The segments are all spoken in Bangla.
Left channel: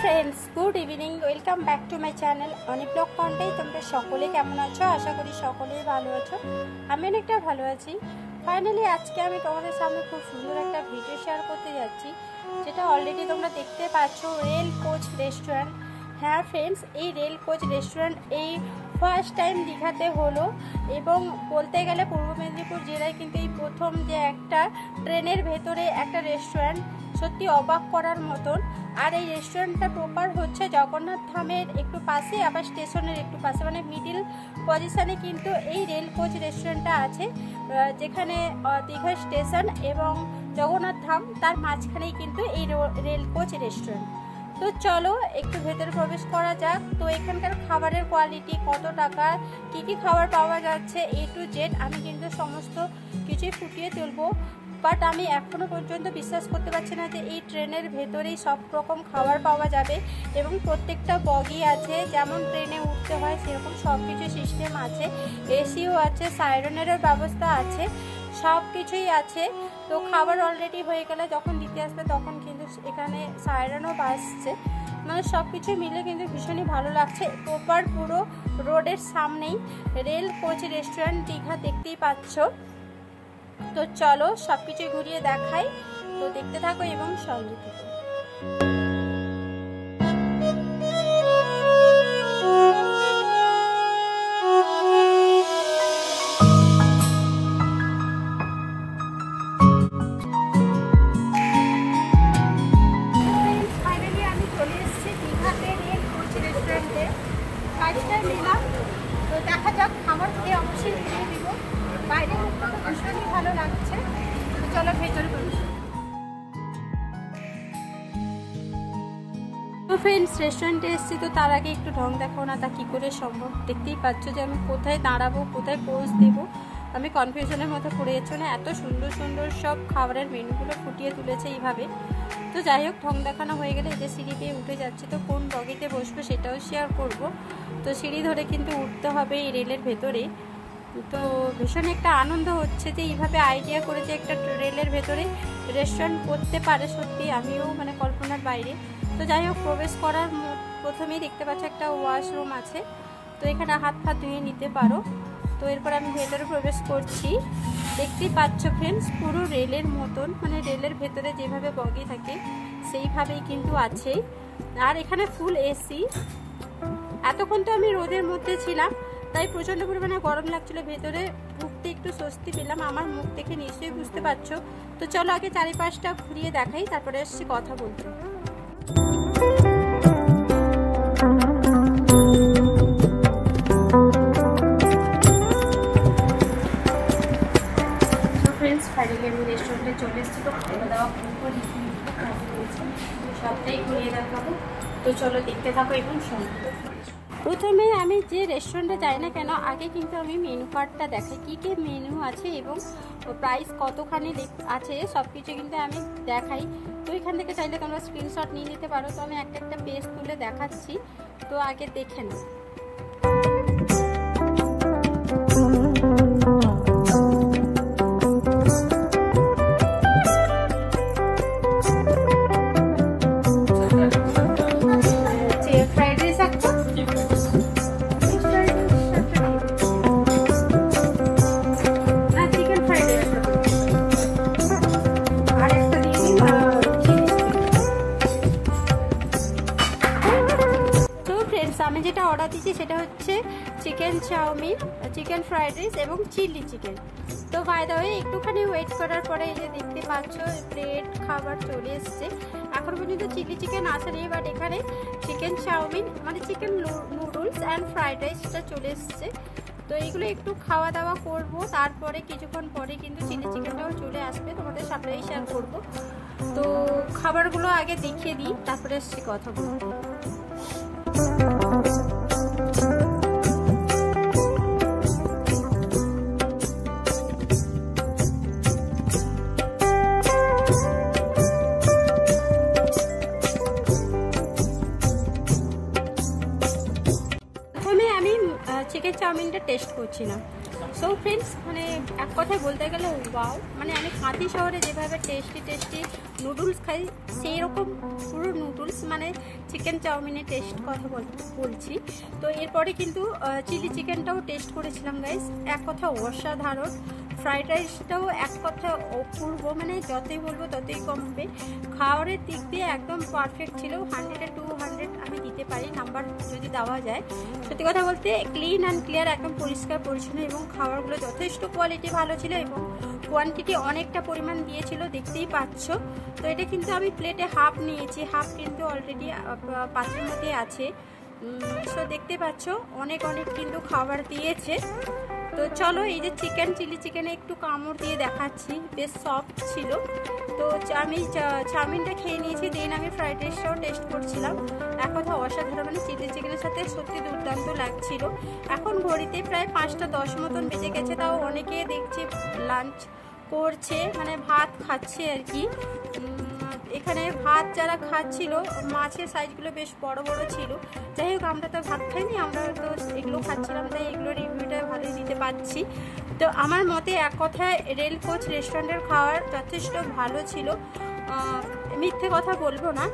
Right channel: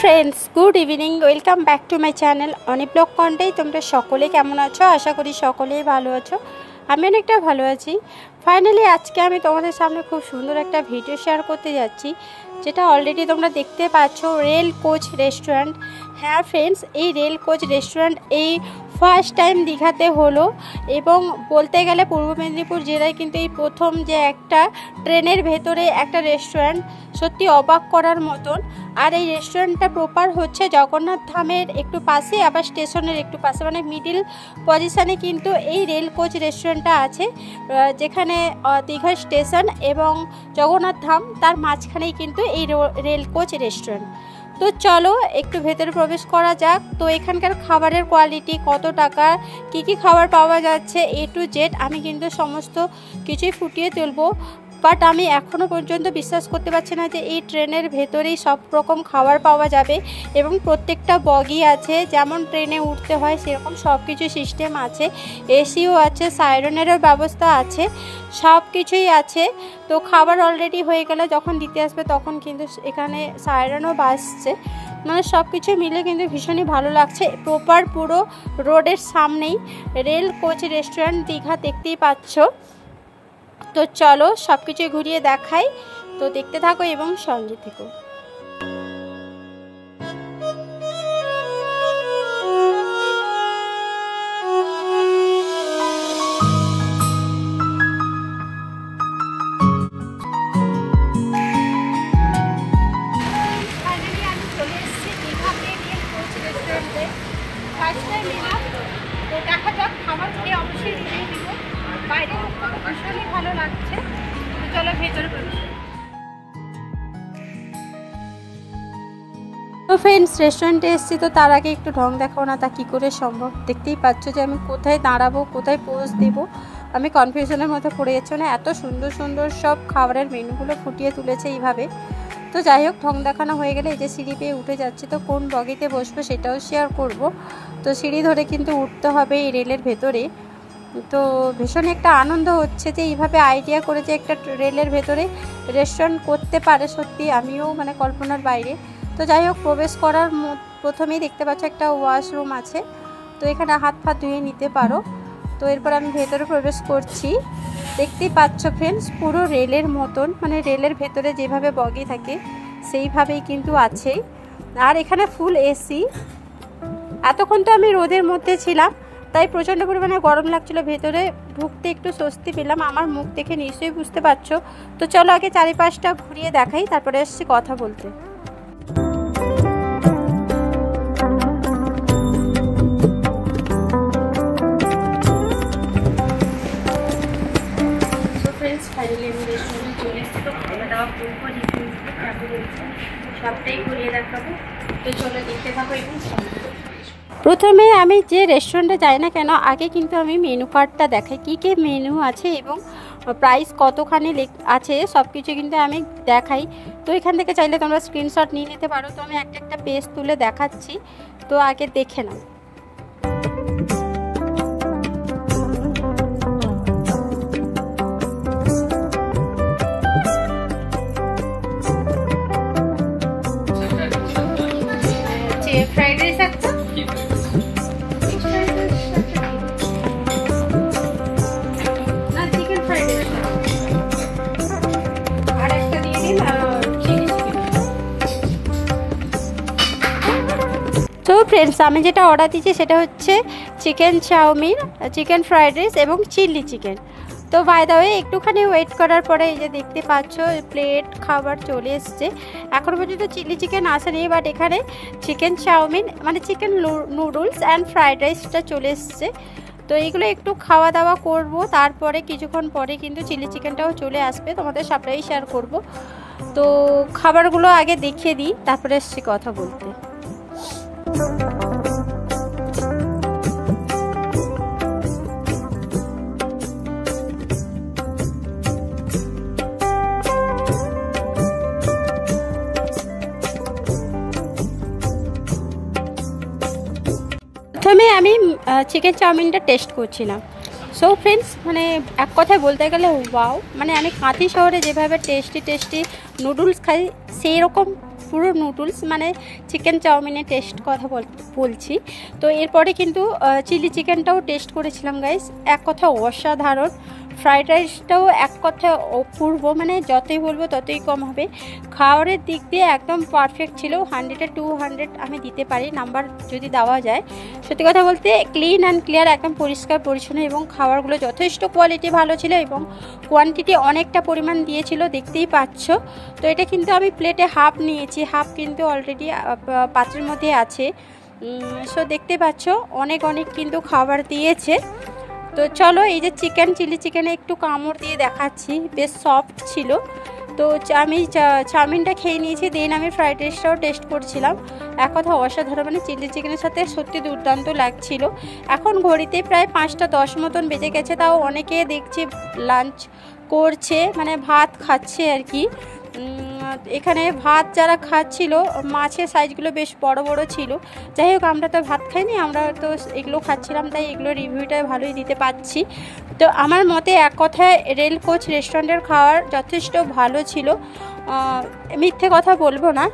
Friends good evening welcome back to my channel Anik blog कन्टे तुम्हारा सकले केमन आछो आशा करी सकलेई भालो आछो आमी अनेकटा भालो आछि। फाइनली आज के आमी तोमादेर सामने खूब सुंदर एक भिडियो शेयर करते जाচ্ছি যেটা অলরেডি তোমরা দেখতে পাচ্ছো রেল কোচ রেস্টুরেন্ট। হ্যাঁ ফ্রেন্ডস, এই রেল কোচ রেস্টুরেন্ট এই ফার্স্ট টাইম দীঘাতে হলো এবং বলতে গেলে পূর্ব মেদিনীপুর জেলায় কিন্তু এই প্রথম যে একটা ট্রেনের ভেতরে একটা রেস্টুরেন্ট, সত্যি অবাক করার মতন। আর এই রেস্টুরেন্টটা প্রপার হচ্ছে জগন্নাথ ধামের একটু পাশে, আবার স্টেশনের একটু পাশে, মানে মিডিল পজিশানে কিন্তু এই রেল কোচ রেস্টুরেন্টটা আছে, যেখানে দীঘা স্টেশন এবং জগন্নাথ ধাম তার মাঝখানেই কিন্তু এই রেল কোচ রেস্টুরেন্ট। তো চলো একটু ভেতরে প্রবেশ করা যাক। তো এখানকার খাবারের কোয়ালিটি, কত টাকা, কি খাবার পাওয়া যাচ্ছে, এ টু জেড আমি কিন্তু সমস্ত কিছুই ফুটিয়ে তুলবো। বাট আমি এখনও পর্যন্ত বিশ্বাস করতে পারছি না যে এই ট্রেনের ভেতরেই সব রকম খাবার পাওয়া যাবে এবং প্রত্যেকটা বগি আছে, যেমন ট্রেনে উঠতে হয় সেরকম সব কিছু সিস্টেম আছে, এসিও আছে, সাইরেনেরও ব্যবস্থা আছে, সব কিছুই আছে। তো খাবার অলরেডি হয়ে গেলে যখন দিতে আসবে তখন কিন্তু এখানে সাইরেনও বাজছে, মানে সব কিছু মিলে কিন্তু ভীষণই ভালো লাগছে। প্রপার পুরো রোডের সামনেই রেল কোচ রেস্টুরেন্ট দীঘা, দেখতেই পাচ্ছ। তো চলো সব কিছু ঘুরিয়ে দেখাই, তো দেখতে থাকো এবং সঙ্গে থেকো। ফাইনালি আমি চলে এসেছি দীঘাতে রেল কোচ রেস্টুরেন্টে। ফার্স্ট টাইম এলাম, তো দেখা যাক, খাবার খেয়ে অবশ্যই রিভিউ দিব। বাইরে মুখটা তো ভীষণই ভালো লাগছে। তো চলো ভেতরে প্রবেশ। তো ফ্রেন্ডস, রেস্টুরেন্টে এসেছি, তো তার আগে একটু ঢং দেখাও না তা কী করে সম্ভব। দেখতেই পাচ্ছ যে আমি কোথায় দাঁড়াবো, কোথায় পোজ দেবো, আমি কনফিউশনের মধ্যে পড়ে যাচ্ছি। না এত সুন্দর সুন্দর সব খাবারের মেনুগুলো ফুটিয়ে তুলেছে এইভাবে। তো যাই হোক, ঢং দেখানো হয়ে গেলে এই যে সিঁড়ি পেয়ে উঠে যাচ্ছে, তো কোন বগিতে বসবো সেটাও শেয়ার করব। তো সিঁড়ি ধরে কিন্তু উঠতে হবে এই রেলের ভেতরে। তো ভীষণ একটা আনন্দ হচ্ছে যে এইভাবে আইডিয়া করে যে একটা রেলের ভেতরে রেস্টুরেন্ট করতে পারে, সত্যি আমিও মানে কল্পনার বাইরে। তো যাই হোক, প্রবেশ করার প্রথমেই দেখতে পাচ্ছ একটা ওয়াশরুম আছে, তো এখানে হাত পা ধুয়ে নিতে পারো। তো এরপর আমি ভেতরে প্রবেশ করছি। দেখতেই পাচ্ছ ফ্রেন্ডস, পুরো রেলের মতন, মানে রেলের ভেতরে যেভাবে বগি থাকে সেইভাবেই কিন্তু আছে। আর এখানে ফুল এসি। এতক্ষণ তো আমি রোদের মধ্যে ছিলাম, তাই প্রচণ্ড পরিমাণে গরম লাগছিল, ভেতরে ঢুকতে একটু স্বস্তি পেলাম, আমার মুখ দেখে নিশ্চয়ই বুঝতে পারছো। তো চলো আগে চারিপাশটা ঘুরিয়ে দেখাই, তারপরে এসছি কথা বলতে। তো ফ্রেন্ডস, ফাইনালি আমি রেস্টুরেন্টে চলে এসেছি। তো খাওয়া দাওয়া করবো, রিভিউ কেমন হয়েছে সবটাই ঘুরিয়ে দেখাবো। তো চলো দেখতে থাকো এবং সঙ্গে। প্রথমে আমি যে রেস্টুরেন্টে যাই না কেন, আগে কিন্তু আমি মেনু কার্ডটা দেখাই, কী মেনু আছে এবং প্রাইস কতখানি আছে সব কিছু কিন্তু আমি দেখাই। তো এখান থেকে চাইলে তোমরা স্ক্রিনশট নিয়ে নিতে পারো। তো আমি একটা একটা পেজ তুলে দেখাচ্ছি, তো আগে দেখে নাও। তো ফ্রেন্ডস, আমি যেটা অর্ডার দিচ্ছি সেটা হচ্ছে chicken chowmein, chicken fried rice এবং চিলি চিকেন। তো বাই দ্য ওয়ে, একটুখানি ওয়েট করার পরে এই যে দেখতে পাচ্ছ প্লেট খাবার চলে এসছে। এখনও পর্যন্ত চিলি চিকেন আসেনি, বাট এখানে চিকেন চাউমিন মানে চিকেন নুডলস অ্যান্ড ফ্রাইড রাইসটা চলে এসছে। তো এইগুলো একটু খাওয়া দাওয়া করব, তারপরে কিছুক্ষণ পরে কিন্তু চিলি চিকেনটাও চলে আসবে, তোমাদের সবটাই শেয়ার করব। তো খাবারগুলো আগে দেখিয়ে দিই, তারপরে এসছি কথা বলতে। প্রথমে আমি চিকেন চাউমিনটা টেস্ট করছিলাম। সো ফ্রেন্ডস, মানে এক কথায় বলতে গেলে ওয়াও, মানে আমি কাঁথি শহরে যেভাবে টেস্টি নুডলস খাই সেই রকম পুরো নুডলস মানে চিকেন চাউমিনের টেস্ট কথা বলছি। তো এরপরে কিন্তু চিলি চিকেনটাও টেস্ট করেছিলাম গাইস, এক কথা অসাধারণ। ফ্রাইড রাইসটাও এক কথা অপূর্ব, মানে যতই বলবো ততই কম হবে। খাবারের দিক দিয়ে একদম পারফেক্ট ছিল, 100-এ 200 আমি দিতে পারি নাম্বার যদি দেওয়া যায়। সত্যি কথা বলতে ক্লিন অ্যান্ড ক্লিয়ার, একদম পরিষ্কার পরিচ্ছন্ন, এবং খাবারগুলো যথেষ্ট কোয়ালিটি ভালো ছিল এবং কোয়ান্টিটি অনেকটা পরিমাণ দিয়েছিল, দেখতেই পাচ্ছ। তো এটা কিন্তু আমি প্লেটে হাফ নিয়েছি, হাফ কিন্তু অলরেডি পাত্রের মধ্যে আছে। সো দেখতে পাচ্ছ অনেক কিন্তু খাবার দিয়েছে। তো চলো, এই যে চিলি চিকেনে একটু কামড় দিয়ে দেখাচ্ছি, বেশ সফট ছিল। তো আমি চাউমিনটা খেয়ে নিয়েছি, দেন আমি ফ্রাইড রাইসটাও টেস্ট করছিলাম। এক কথা অসাধারণ, মানে চিলি চিকেনের সাথে সত্যি দুর্দান্ত লাগছিল। এখন ঘড়িতে প্রায় 5টা 10 মতন বেজে গেছে, তাও অনেকে দেখছি লাঞ্চ করছে, মানে ভাত খাচ্ছে আর কি। এখানে ভাত যারা খাচ্ছিল, মাছের সাইজগুলো বেশ বড় ছিল। যাই হোক, আমরা তো ভাত খাইনি, আমরা তো এগুলো খাচ্ছিলাম, তাই এগুলো রিভিউটা ভালোই দিতে পারছি। তো আমার মতে এক কথায় রেল কোচ রেস্টুরেন্টের খাবার যথেষ্ট ভালো ছিল, মিথ্যে কথা বলবো না।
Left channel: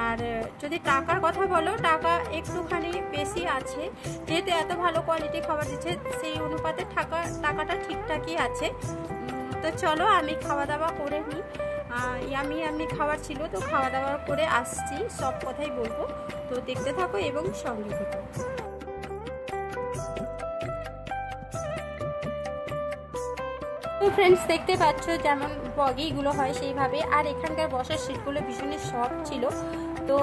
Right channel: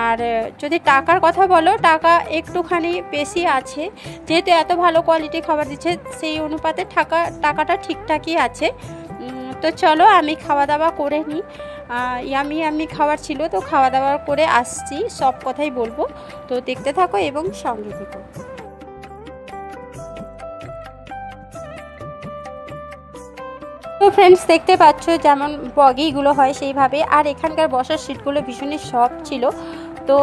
আর যদি টাকার কথা বলো, টাকা একটুখানি বেশি আছে, যেহেতু এত ভালো কোয়ালিটি খাবার দিচ্ছে, সেই অনুপাতে টাকাটা ঠিকঠাকই আছে। তো চলো, আমি খাওয়া দাওয়া করে নিই। ইয়ামি খাবার ছিল, তো খাওয়া দাওয়া করে আসছি, সব কথাই বলবো। তো দেখতে থাকো এবং সঙ্গে থেকো। তো ফ্রেন্ডস, দেখতে পাচ্ছ যেমন বগিগুলো হয় সেইভাবে, আর এখানকার বসার সিটগুলো ভীষণই সফট ছিল। তো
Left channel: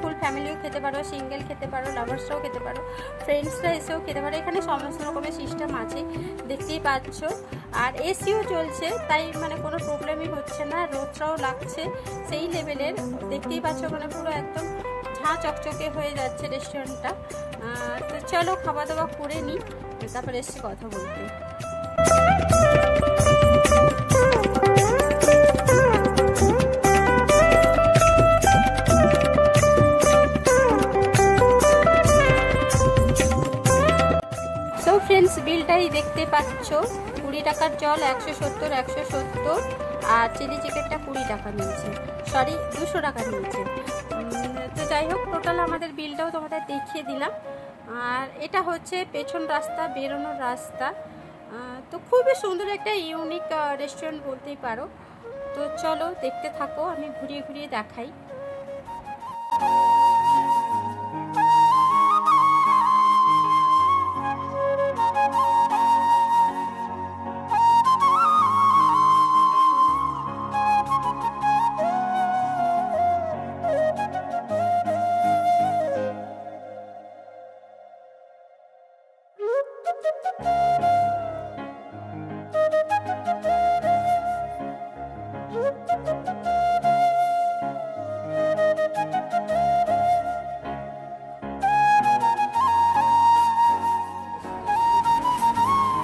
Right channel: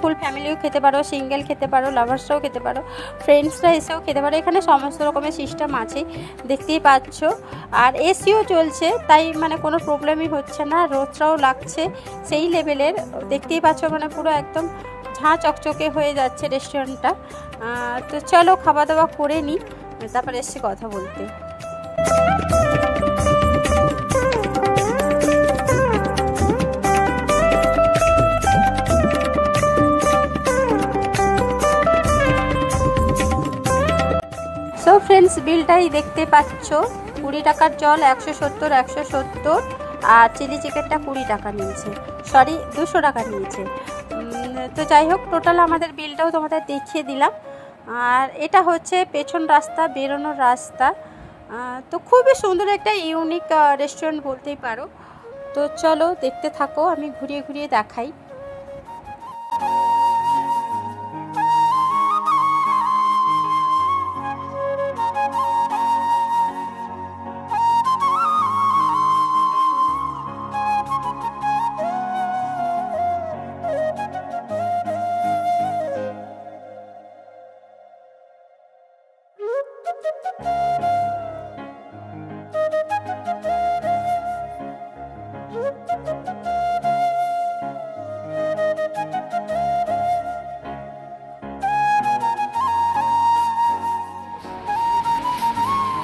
ফুল ফ্যামিলিও খেতে পারো, সিঙ্গেল খেতে পারো, লাভার্সরাও খেতে পারো, ফ্রেন্ডসরা এসেও খেতে পারো। এখানে সমস্ত রকমের সিস্টেম আছে, দেখতেই পাচ্ছ। আর এসিও চলছে, তাই মানে কোনো প্রবলেমই হচ্ছে না, রোদটাও লাগছে সেই লেভেলের, দেখতেই পাচ্ছ, মানে পুরো একদম ঝাঁ চকচকে হয়ে যাচ্ছে রেস্টুরেন্টটা। তো চলো, খাওয়া দাওয়া করে নিই, তারপরে এসে কথা বলতে। সো ফ্রেন্ডস, বিলটাই দেখতে পাচ্ছ, 20 টাকার জল 170, আর চিলি চিকেনটা 20 টাকা নিয়েছে, সরি 200 টাকা নিয়েছে। তো যাই হোক, টোটাল আমাদের বিলটাও তোমাদের দেখিয়ে দিলাম। আর এটা হচ্ছে পেছন রাস্তা, বেরোনোর রাস্তা। তো খুবই সুন্দর একটা ইউনিক রেস্টুরেন্ট বলতেই পারো। তো চলো, দেখতে থাকো, আমি ঘুরিয়ে দেখাই।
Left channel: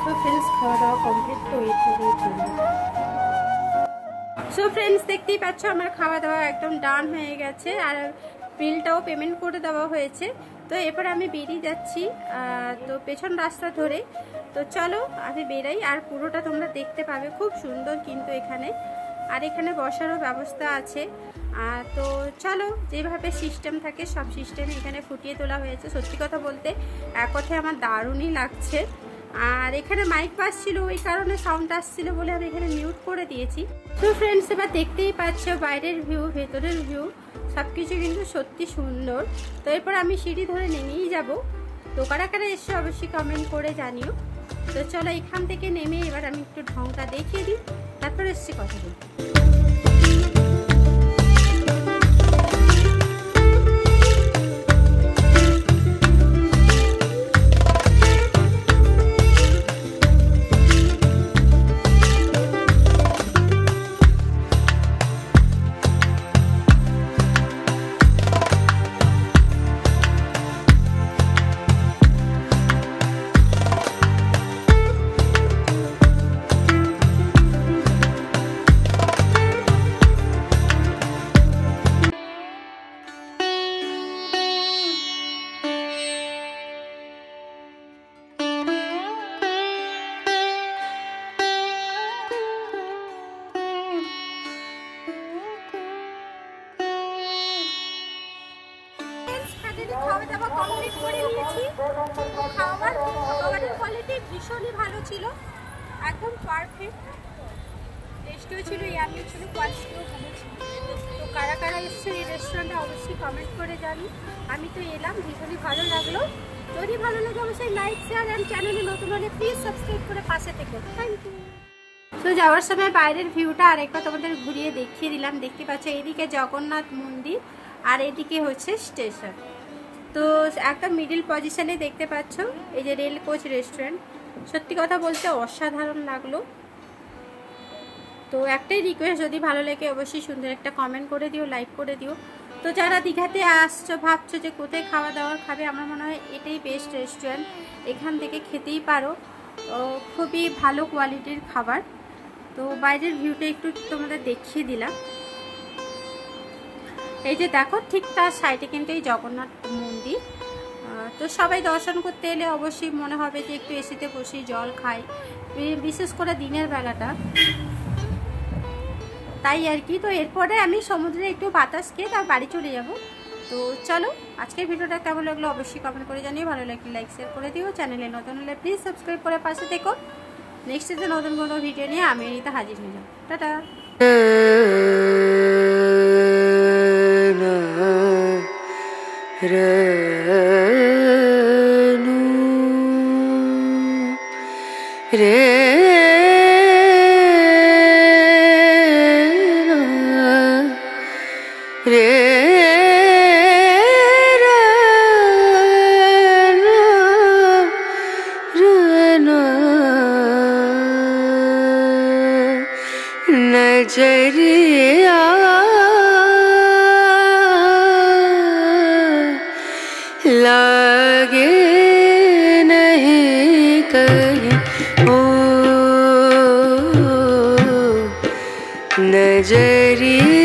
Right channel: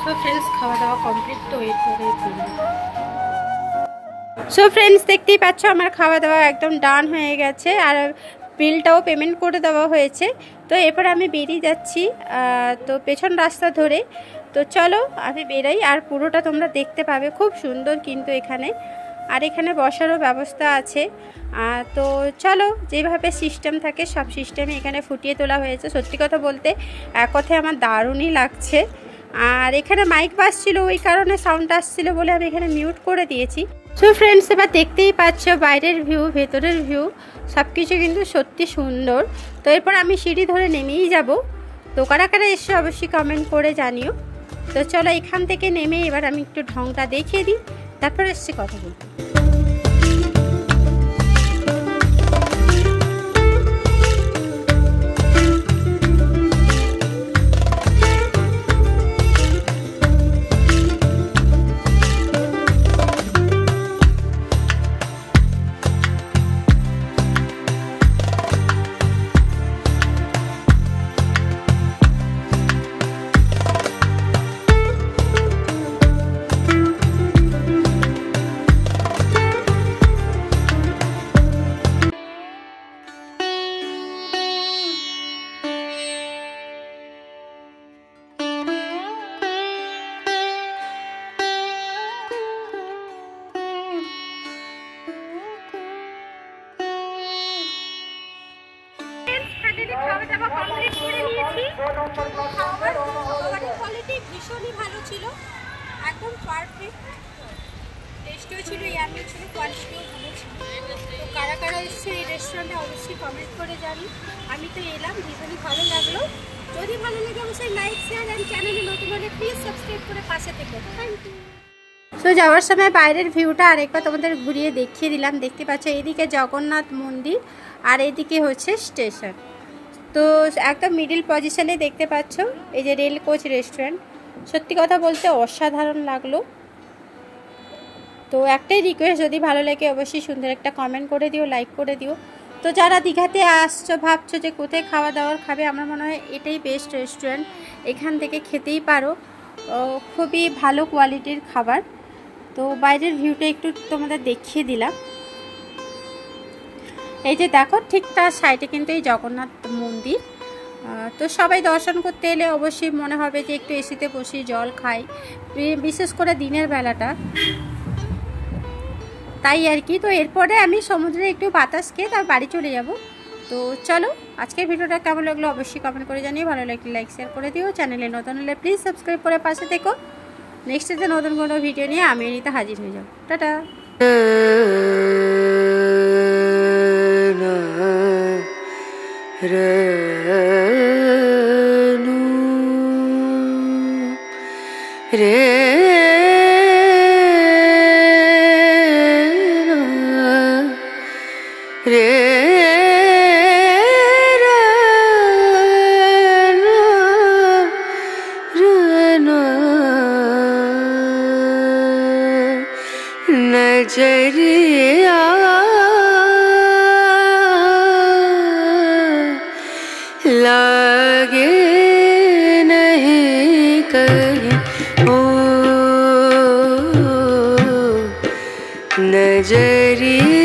তো ফ্রেন্ডস, খাওয়া দাওয়া কমপ্লিট, তো এরপরে সো ফ্রেন্ডস, দেখতেই পাচ্ছ আমার খাওয়া দাওয়া একদম ডান হয়ে গেছে, আর বিলটাও পেমেন্ট করে দেওয়া হয়েছে। তো এরপর আমি বেরিয়ে যাচ্ছি, তো পেছন রাস্তা ধরে। তো চলো, আমি বেরাই, আর পুরোটা তোমরা দেখতে পাবে, খুব সুন্দর কিন্তু এখানে। আর এখানে বসারও ব্যবস্থা আছে। তো চলো, যেভাবে সিস্টেম থাকে সব সিস্টেমই এখানে ফুটিয়ে তোলা হয়েছে। সত্যি কথা বলতে এক কথায় আমার দারুণই লাগছে। আর এখানে মাইক বাজছিল, ওই কারণে সাউন্ড আসছিল বলে আমি এখানে মিউট করে দিয়েছি। সো ফ্রেন্ডস, এবার দেখতেই পাচ্ছ বাইরের ভিউ, ভেতরের ভিউ, সব কিছু কিন্তু সত্যি সুন্দর। তো এরপর আমি সিঁড়ি ধরে নেমেই যাব। তো কারা কারা এসে অবশ্যই কমেন্ট করে জানিও। তো চলো, এখান থেকে নেমে এবার আমি একটু ঢংটা দেখিয়ে দিই, তারপর এসে কথা বলবো। দাওয়া কমপ্লিট করে নিয়েছি। খাবারের কোয়ালিটি ভীষণই ভালো ছিল, একদম পারফেক্ট। টেস্টও ছিল, ইয়ামি ছিল, কোয়ালিটিও ভালো ছিল। তো কারা কারা এসছে এই রেস্টুরেন্টে অবশ্যই কমেন্ট করে জানি। আমি তো এলাম, ভীষণই ভালো লাগলো। যদি ভালো লাগে অবশ্যই লাইক, শেয়ার অ্যান্ড চ্যানেলে নতুন হলে প্লিজ সাবস্ক্রাইব করে পাশে থেকো। Thank you. তো যাওয়ার সময় বাইরের ভিউটা আরেকবার তোমাদের ঘুরিয়ে দেখিয়ে দিলাম। দেখতে পাচ্ছ এদিকে জগন্নাথ মন্দির আর এদিকে হচ্ছে স্টেশন। তো একদম মিডিল পজিশনে দেখতে পাচ্ছ এই যে রেল কোচ রেস্টুরেন্ট। সত্যি কথা বলতে অসাধারণ লাগলো। তো একটাই রিকোয়েস্ট, যদি ভালো লাগে অবশ্যই সুন্দর একটা কমেন্ট করে দিও, লাইক করে দিও। তো যারা দীঘাতে আসছো, ভাবছো যে কোথায় খাওয়া দাওয়ার খাবে, আমার মনে হয় এটাই বেস্ট রেস্টুরেন্ট। এখান থেকে খেতেই পারো, খুবই ভালো কোয়ালিটির খাবার। তো বাইরের ভিউটা একটু তোমাদের দেখিয়ে দিলাম। এই যে দেখো ঠিক তার সাইডে কিন্তু এই জগন্নাথ মন্দির। তো সবাই দর্শন করতে এলে অবশ্যই মনে হবে যে একটু এসিতে বসি, জল খাই, বিশেষ করে দিনের বেলাটা, তাই আর কি। তো এরপরে আমি সমুদ্রে একটু বাতাস খেয়ে তার বাড়ি চলে যাব। তো চলো, আজকের ভিডিওটা কেমন লাগলো অবশ্যই কমেন্ট করে জানিয়ে, ভালো লাগলে লাইক শেয়ার করে দিও। চ্যানেলে নতুন হলে প্লিজ সাবস্ক্রাইব করে পাশে থেকো। নেক্সট ডে নতুন কোনো ভিডিও নিয়ে আমি এনিতে হাজির হয়ে যাব। টাটা। नजरिया लागे नहीं कहीं, ओ नजरिया